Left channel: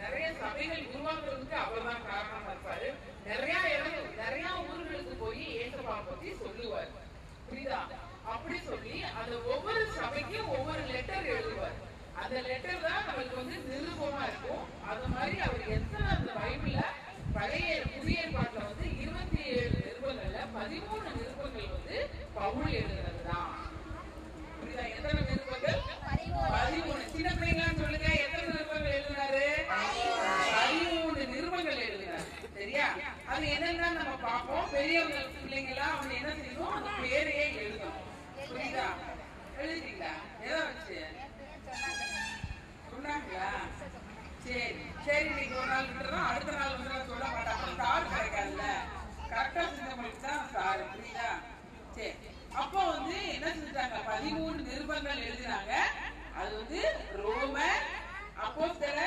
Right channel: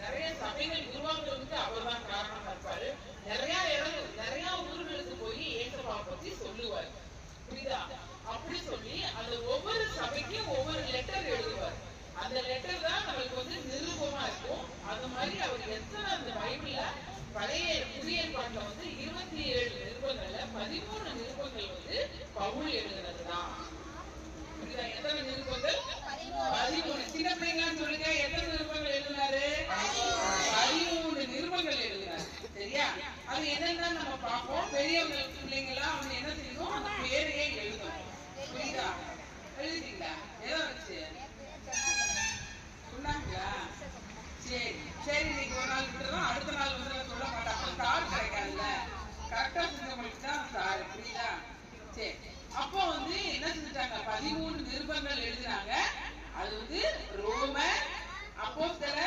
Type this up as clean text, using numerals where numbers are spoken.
நிறைய சபைகள் உருவாக்குறதுக்கு அவர் தான் காரணமா இருப்பாரு. நிறைய ஊர்களுக்கு போய் ஏசப்பாவை பத்தி சொல்லுவார். புரியுதா? அப்படி சொல்லி அந்த ஒவ்வொரு சபைக்கும் ஒவ்வொரு லெட்டர் எழுதுவார். அந்த லெட்டர் தான் நமக்கு நிருபமா இருக்கும். அது மாதிரி அவர் எத்தனை அந்த பைபிள்ல பழைய புதிய ஏற்பாட்டுல 27 நிருபங்கள்ல 13 நிருபங்கள் பவுல் எழுதுறது தான். புரியுதா? எத்தனை நிருபங்கள்? 13. சின்ன பிள்ளைங்களான்னு சொல்லுங்க, எத்தனை நிருபங்கள் எழுதினாரு? 13 நிருபங்கள் எழுதினாரு. சரியா? அது என்னன்னா நம்ம பார்ப்போம். பெரியவங்க பிள்ளைங்க எல்லாம் என்ன செய்யணும், அந்த பேரையே எழுதணும். புரியுதா? எழுதிட்டீங்களா? எதை வச்சு சொன்னாங்களா? சரி சரி, இன்னைக்கு ஒரு நாள் விட்டுறோம், அடுத்த நாள் சொல்ல மாட்டாங்க. ஸ்டார் கிடைக்காதுல்ல, கரெக்டா செஞ்சவங்களுக்கு தான் ஸ்டார். புரியுதா? சரி, அப்போ என்ன செஞ்சுட்டாங்க, 13 நிருபங்கள் எழுதினாங்க. அது ரோமர், அப்போஸ்தலர்,